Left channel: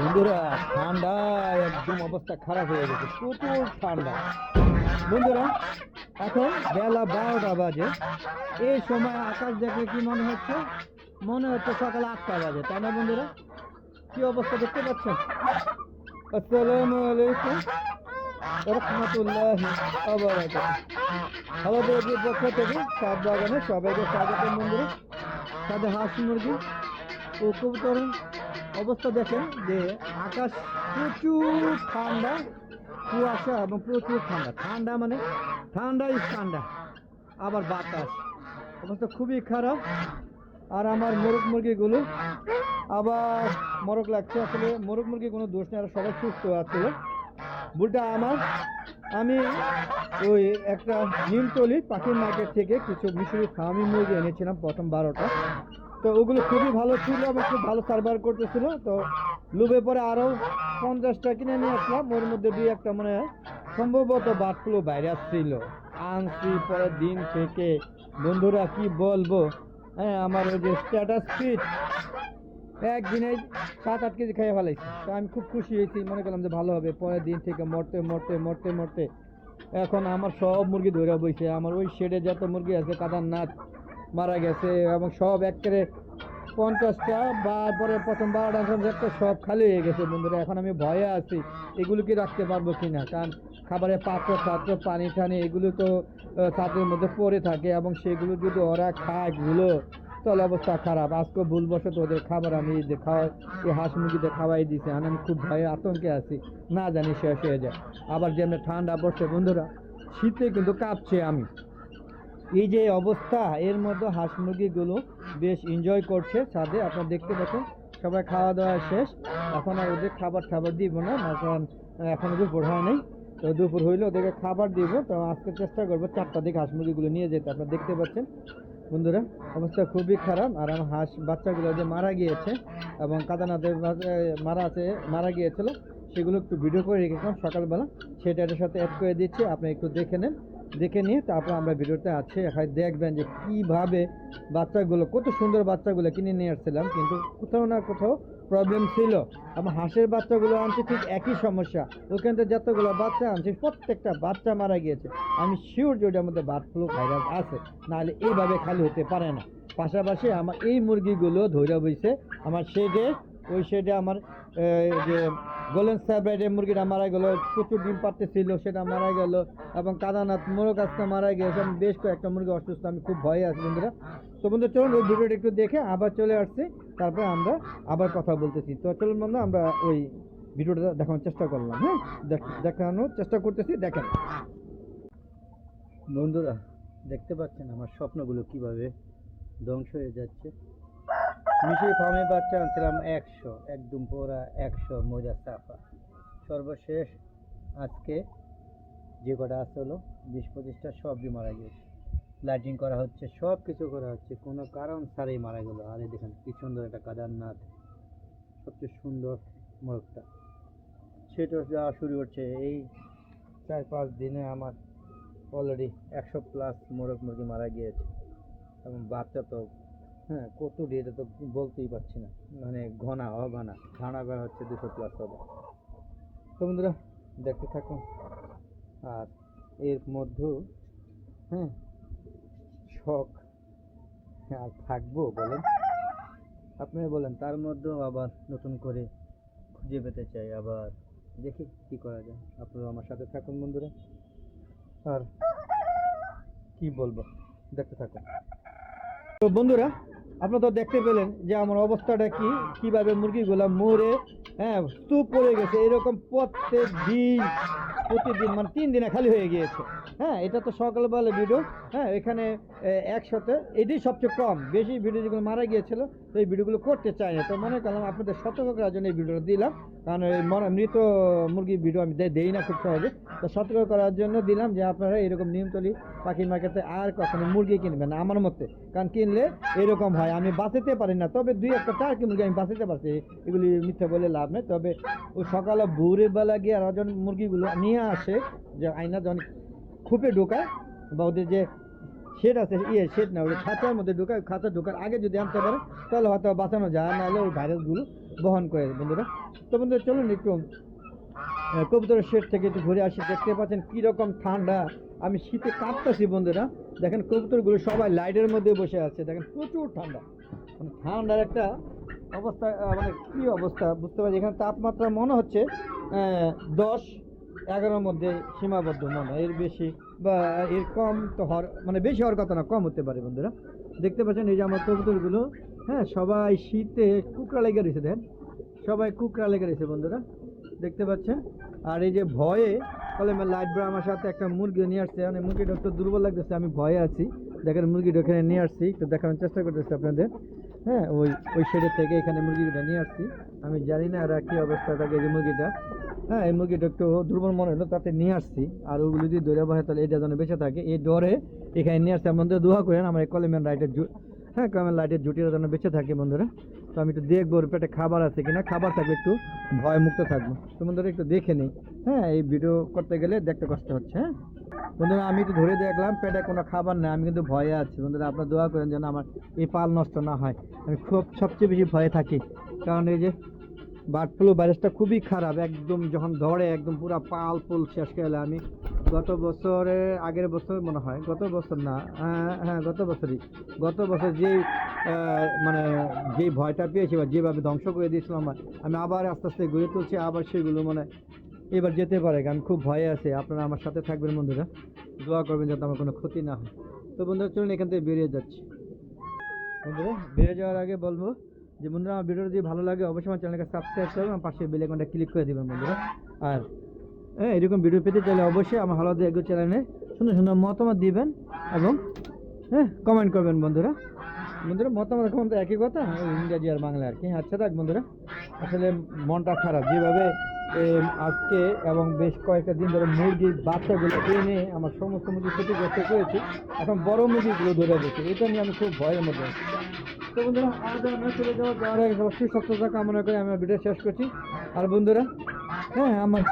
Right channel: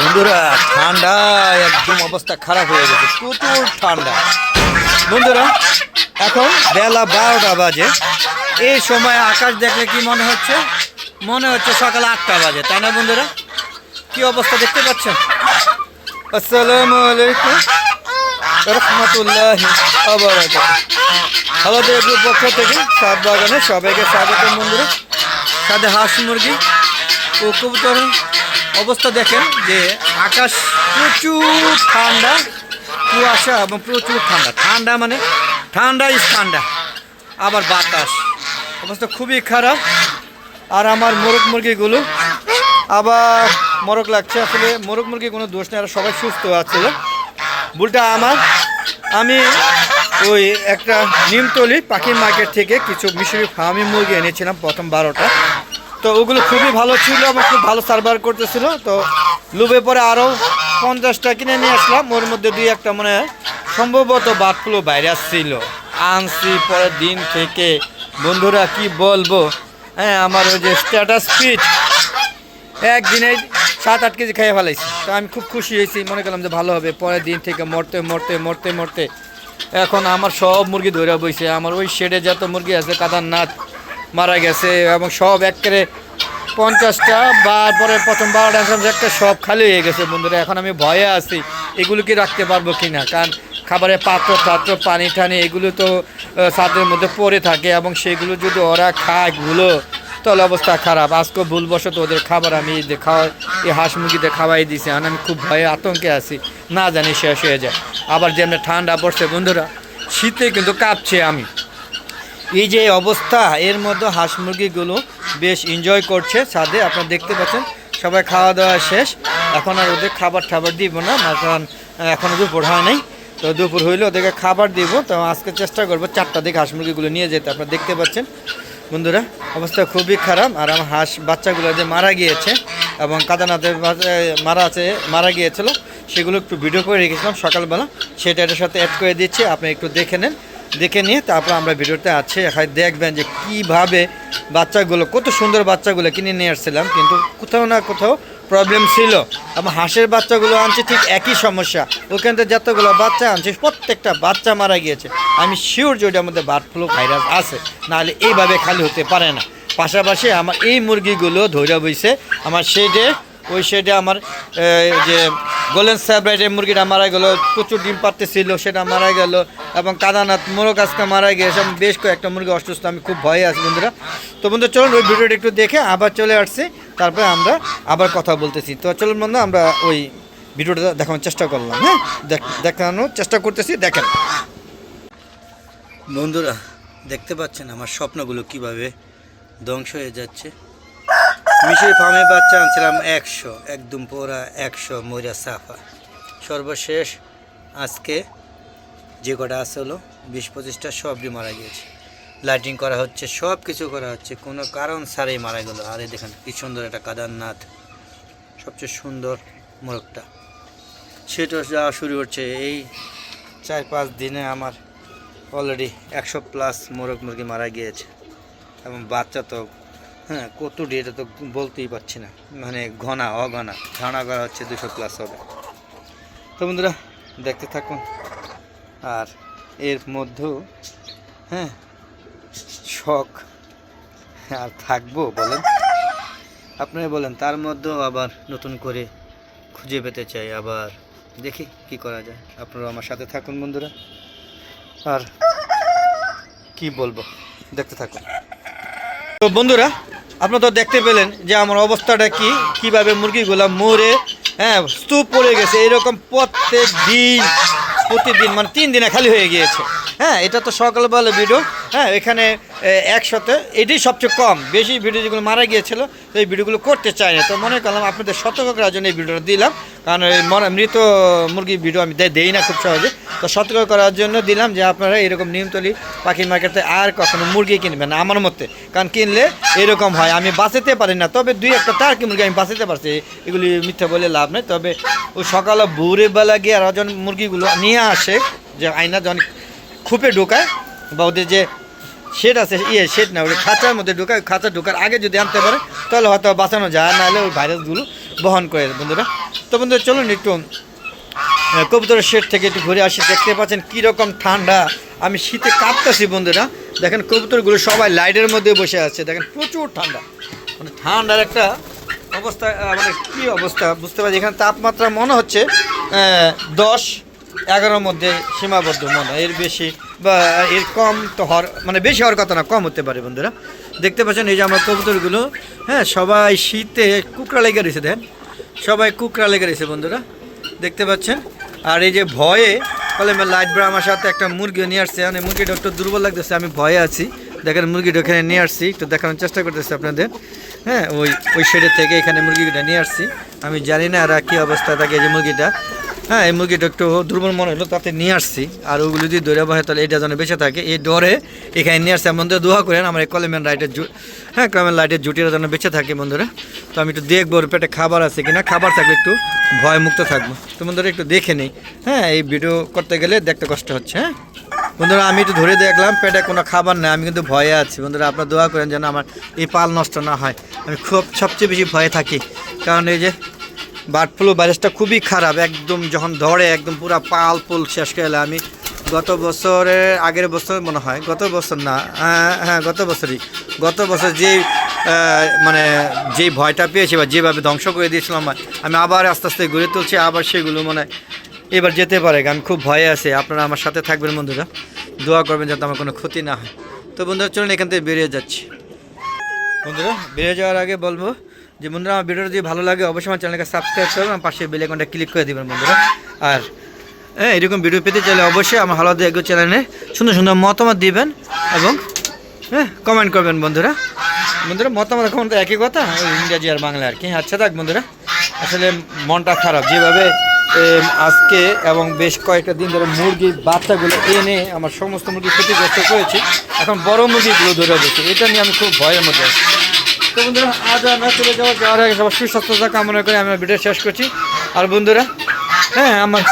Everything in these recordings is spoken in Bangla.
বন্ধুরা ঠান্ডা একদম অবস্থা খারাপ হয়ে গেছে, প্রচুর ঠান্ডা। বন্ধুরা, এখন বেলা বারোটা বাজে। এই সময় আকাশ দেখলে কি মনে হচ্ছে? মনে হচ্ছে সকাল আটটা বাজে, তাই না বন্ধুরা? কি অবস্থা দেখতে পাচ্ছেন? আসসালামু আলাইকুম। রহমতুল্লাহ হ্যালো দেবুর পক্ষ থেকে সাত বাগানে সবাইকে স্বাগত বন্ধুরা। সাথে হাঁস মুরগি ও কবুতর অবস্থা দেখেন যে আকাশ প্রচুর ঠান্ডা, কুয়াশা এবং প্রচুর ঠান্ডা। ঠান্ডা মানে ঠান্ডা ইস ঠান্ডা, আবার বাতাস। অবস্থা খুবই খারাপ। আর আমার মোরগ মুরগিগুলো আবার মরক লাগছে। আসলে মোরগ মুরগি কোনো দোষ নেই, আর সবাই সুস্থ আছিল ভুলটা আমার। আমি ওই একটা নিমতলি পাখির মার্কেট থেকে কিছু মিশরি ফার্মি মুরগি এনেছিলাম প্রথম বারোটা। তো ওগুলো খুবই ভালো ছিল এবং খুব ভালো সার্ভার করতেছিল। তো লুবে পরে আরও পঞ্চাশটা কিনে নিয়ে আসলাম। ওর মধ্যে দুই একটা মানে সম্ভবত বার্ড ফ্লু ভাইরাস ছিল আনছি পরের দিন থেকে। বন্ধুরা, কি বলব? হ্যাঁ আমার ওই যে স্ট্যাটাস ফিট একদিনে সাত, আট কেজি খেয়ে ফেলাইছি। তো আমি খুব খুশি হয়েছি। মনে করলাম যে ভালো হবে। পরের দিন থেকে মরতে মরতে মরতে মরতে। এখন আমার সব মুরগি ধরে বইছে। আমার ওই শেডে যত মুরগি আছে, কাদারনাথ মারা গেছে এবং সব একেবারে পঞ্চাশটা বা পরে প্রথম বারোটা আসলাম একটা সব খালি হয়ে গেছে। বন্ধুরা, এখন আমি ভয়ে আছি, এগুলো কি রাখতে পারব কি না? কারণ খাবারের পাত্র টাত্র পানি টানি, এগুলো তো ছাদের মধ্যে পড়ে থাকে এবং সেগুলো যদি ওরা খায়গুলো, তাহলে অবস্থা খারাপ। আজকে ভুলবশত ওদের খাবার আমি খাওয়া এই হাঁস মুরগিতে খাওয়াই দিছি আর আমি খুব ভয়ে আতঙ্কে আছি, না জানি শেষ হয়ে যায়। আবার যেমনি ঠান্ডা পড়ছে, বন্ধুরা, শীতে কিন্তু কাঁপছে আমি। এই যে অবস্থা, এর মধ্যে হাঁস মুরগিগুলো বেশ এনজয় করছে ছাদে। আপনারা দেখতে পাচ্ছেন, সবাই খাওয়া দাওয়া শেষ। এখন আর ওদের খাবার টাবার দিব না কারণ এখনও দুপুর হয় নাই। তো দুপুর হইলে ওদেরকে খাবার দিব। তো আজকে চেষ্টা করব চারটা দিকে হাঁস মুরগিগুলো নিয়ে যেতে। আপনারা দেখতে পাচ্ছেন, বন্ধুরা, অবস্থা খুবই খারাপ। আর আমার হাঁস বাচ্চাগুলো যে মারা গিয়েছে এবং কাদানাথের মারা আছে, মারা গিয়েছিল, সেগুলো একটু ভিডিও করে রেখেছিলাম সকালবেলা। সেটা এটার সাথে অ্যাড করে দিচ্ছি, আপনি একটু দেখে নেন। দেখে নিয়ে তারপর আমরা ভিডিওতে আছে। এখানে দেখবেন যে কীভাবে বাচ্চাগুলো, কত সুন্দর বাচ্চাগুলো কিনে নিয়ে আসছিলাম, কিন্তু কোথাও না কোথাও প্রবলেম ছিল। আমার হাঁসের বাচ্চাগুলো আনছে ঠিক একই সমস্যা। ওখান থেকে যতগুলো বাচ্চা আনছে, প্রত্যেকটা বাচ্চা মারা গিয়েছে। আমি শিওর যে ওটার মধ্যে বার্ড ফ্লু ভাইরাস আছে, নাহলে এইভাবে খালি হতে পারে না। পাশাপাশি আমার এই মুরগিগুলো ধৈর্য বইছে, আমার শেডে ওই শেডে আমার যে গোল্ডেন স্যাব্রাইটের মুরগিটা মারা গেল, প্রচুর ডিম পারতেছিল সেটা মারা গেল, এবং কাদানাথ মোরগ আজকে মারা এবং বেশ কয়েকটা মুরগি অসুস্থ, আমি খুব ভয়ে আছি বন্ধুরা। তো বন্ধু, চলুন ওই ভিডিওটা একটু দেখে আবার চলে আসছি, তারপরে আমরা আবার কথা বলতেছি। তো চলুন বন্ধু, আমরা ওই ভিডিওটা দেখানোর চেষ্টা করলাম হ্যাঁ? দেখ- দেখানোর চেষ্টা করতেছি, দেখেন। বন্ধুরা, দেখতে পাচ্ছেন আমার স্বপ্নগুলো কীভাবে ধ্বংস হয়ে যাচ্ছে? মিশরি ফার্মে বাচ্চা আনছিলাম একশো, একদম পুরা একশো মরিয়া সাফা। সর্বশেষ আজকে যে কটা আছে হলো, বিশ পঁচিশটা সবই মারা গিয়েছে। লাইটিং করা হচ্ছে সব কিছু করা হচ্ছে, কোনো কারণ ছাড়াই মারা গেলো। আরে দেখেন, কি সুন্দর একটা কাদারনাথ, সবচেয়ে সুন্দর মোরগটা। সেটা যাওয়া শুরু হচ্ছে, এই চার পাঁচ দিনে আমার অলরেডি একশো প্লাস মোরগ মুরগি মারা গিয়েছে। এবং বাচ্চা তো হ্যাঁ কত এটা তো বলতেই পারছি না। মানে ঘনা, অঘনা ধারণা করা হচ্ছে দুশো প্লাস হবে। তো বন্ধুরা, দেখতে থাকুন। আর এর মধ্যেও হ্যাঁ শখ। আর থাকব বলেন। আপনারা বলেন, তার মধ্যেও আবার নতুন করে খুঁজে পেতে চাই, আবার দেখি কি করা যায়। আপনারা আমার সাথে থাকুন বন্ধুরা। আর কি বলব? দেখতে থাকুন। তো বন্ধুরা আপনারা তো দেখতে পেলেন যে আমার অবস্থাটা কি, কীভাবে মুরগিগুলো মরে হ্যাঁ স্তূপ পড়ে গেছে, এরকম প্রত্যেক দিন, প্রতিদিন মানে তিন দিনে খালি হয়ে গিয়েছে। হ্যাঁ এটা তো সকালবেলা ভিডিও হ্যাঁ এখানে একসাথে, এটাই সবচেয়ে কম। বেশি ভিডিও যেগুলো মারা গিয়েছিল এই ভিডিওগুলো করতে চাই না। তো মনে করলাম আপনাদের সতর্ক করার জন্য এই ভিডিওটা দিলাম। কারণ মৃত মুরগির ভিডিও আমি দেই না খুব সহজে। তো সতর্ক করার জন্য দিলাম যে আপনারা এরকম নিয়মতলি পাখির মার্কেটে আর কখনো মুরগি কিনবেন না, আমার মতে। কারণ কিনলে এরকম হয়, আমি বাঁচাতে পারি না। তবে দুই একটা টার্কি মুরগি আমি বাঁচাতে পারছি, এগুলি মিথ্যা বলে লাভ নেই। তবে ওই সকালে ভোরে বেলা গিয়ে আর মুরগিগুলো নিয়ে আসে, যে আয়না যখন খুপে ঢোকায় বা ওদের যে শেড আছে ইয়ে শেড না, ওই খাঁচার মধ্যে ঢোকায়, খাঁচা ঢোকার আগে যদি আনতে পারে, তাহলে হয়তো বাঁচানো যায়, নাহলে ওই ভাইরাসগুলো বহন করে, বন্ধুরা। তো বন্ধুরা, চলুন একটু কবুতরের শেড থেকে একটু ঘুরে আসি, দেখতে পাচ্ছেন কীরকম ঠান্ডা। আমি শীতে কাঁপতেছি, বন্ধুরা। দেখেন কবুতরগুলো সবাই লাইটের মধ্যে বসে আছে, দেখেন প্রচুর ঠান্ডা। মানে ঠান্ডার একটা অবস্থা মানে কী অবস্থা, বুঝতে পারছি এখানে তাপমাত্রা মনে হচ্ছে দশ এগারোর মধ্যে সীমাবদ্ধ মনে এর বেশি বা এর কম তো হওয়ার মানে বেশি হওয়ার কথা না, কম হতে পারে বন্ধুরা। দেখতে পাচ্ছেন এই যে আমার কবুতরগুলো হ্যাঁ সবাই শীতে কুকড়া লেগে রয়েছে, দেখেন। সবাই কুকড়া লেগে রয়েছে বন্ধুরা, দেখতে পাচ্ছেন। আর এই যে ভয়ে, বলে লাইট ব্রা আমার সাথে একটা মুরগি নিয়ে আসছে। মানে মুরগিটা একটু দুর্বল লাগতেছে, আমি ভয়ে আছি। দেখেন মুরগিটা ওখানে নিয়ে আসছি, একটু দেখানোর চেষ্টা করতেছি আপনাদের। হ্যাঁ ওই ওই শেডের থেকে এখানে মুরগিটা নিয়ে আসছি। আমি জানি না আর কী অবস্থা থাকে যে মুরগিটা। হ্যাঁ এই মুরগিটা একটু দুর্বল মনে হলো, তাতে নিয়ে আসছি। আর ওগুলো যদি দৌড়ে বসে তাহলে এটা যেন বেঁচে থাকে। এই ডরে এখানে নিয়ে আসছে। এমন দোয়া করেন, আমার কলেমেন লাইটের জু হ্যাঁ কলেমেন লাইটের জুটিটা যেন বেঁচে থাকে বন্ধুরা। তো আমি একটু দেখব ওর পেটে খাবার আছে কিনা। খাবার থাকলে একটু ভয় মুক্ত থাকব। তো বন্ধুরা, একটু দেখে নিই। হ্যাঁ এই ভিডিও করতে গেলে দেখতে কষ্ট হচ্ছে হ্যাঁ? বন্ধুরা, আমি একটু ধরে দেখলাম, পেটে কোনো খাবার নেই। আমি কিন্তু ভয়ে আছি। বন্ধুরা, আপনার দোয়া করেন যেন আমার এই পাল নষ্ট না হয়। আমি খুব, সবচেয়ে বেশি ভয়ে থাকি। কারণ এই যে বার্ড ফ্লু ভাইরাসটা খুবই খারাপ, একদম যখন ধরে, একদম পুরো পাল পুল শেষ করে আমি। গত বছরের আগের বছর মনে হয়, গত বছর না হ্যাঁ হ্যাঁ গত বছরই। গত বছর যে মানে যে ভয়টা পেয়েছি বা যেভাবে ধ্বংস করে দিয়েছিলাম, আমি আবার আস্তে আস্তে গড়ে তুলছি, আবার সেগুলো মানে এবার যেতে পারে আমি খুব ভয়ে আছি। আপনারা আমার সাথে থাকবেন বন্ধুরা, দোয়া করবেন যাতে আমার কোনো ক্ষতি না হয়। তো বন্ধুরা, চলুন এখান থেকে বেরিয়ে যাচ্ছি। বন্ধুরা, বেরিয়ে যাওয়ার আগে বলব যে বন্ধুরা, আমার ভিডিওটা যদি ভালো লাগে, অবশ্যই আমার চ্যানেলকে সাবস্ক্রাইব করবেন, আমার পাশে বেল আইকনটা ক্লিক করে দেবেন বন্ধুরা। আর হ্যাঁ এরকম ভিডিও পেতে চাইলে অবশ্যই আমার হালাদা এগো চ্যানেলে সুন্দর সুন্দর মতামত দিবেন এবং হ্যাঁ কমেন্ট করবেন বন্ধুরা। বন্ধুরা, মতামত এখন তো একই কথা ইংরাজি আর বাংলা আর কি। আচ্ছা থাক বন্ধুরা। আসলে মনটা খারাপ। যেভাবে আজকে এবং বেশ কয়েকটা দিন ধরে মুরগির বাচ্চাগুলো এনে আমার সমস্ত মুরগি ক্ষতিগ্রস্ত করেছি, এখন বড় মুরগিগুলো ধরে বসে এটা নিয়ে আমি খুব ভয়ের মধ্যে আছি। বন্ধুরা, আজ আমরা চলে যাওয়া যাওয়ার আগে সবার সুস্বাস্থ্যতা করে ভিডিও শেষ করছি। আর বন্ধুরা হ্যাঁ আমার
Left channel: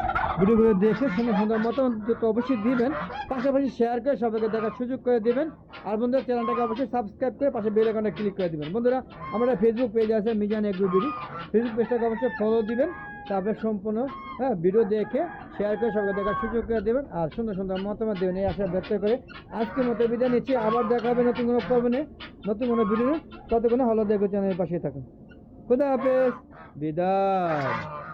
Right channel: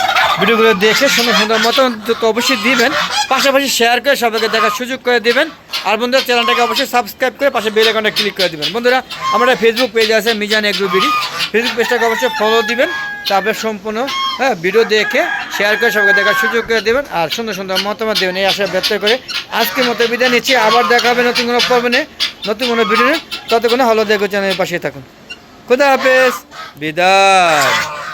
ভিডিওগুলো দেখে সুন্দর সুন্দর মতো তো অবশ্যই দিবেন, পাশাপাশি শেয়ার করে সবাইকে দেখার সুযোগ করে দিবেন। আর বন্ধুরা অবশ্যই সাবস্ক্রাইব করে পাশে ক্লিক করে দিবেন। বন্ধুরা আমার ফেসবুক পেজ আছে মিজান এগ্রো বিডি। ফেসবুক পেজটাকে অবশ্যই ফলো দিবেন। তারপরে সম্পূর্ণ হ্যাঁ ভিডিও দেখে শেয়ার করে সবাইকে দেখার সুযোগ করে দেবেন। আর সুন্দর সুন্দর মতামত দেবেন, এই আশা ব্যক্ত করে আজকের মতো বিদায় নিচ্ছি। আবার দেখা হবে নতুন কোনো পর্বনে নতুন কোনো ভিডিও নেই ততক্ষণে হলো দেখো, চ্যানেলের পাশে থাকুন। খুদা হাফেজ। বিদায়।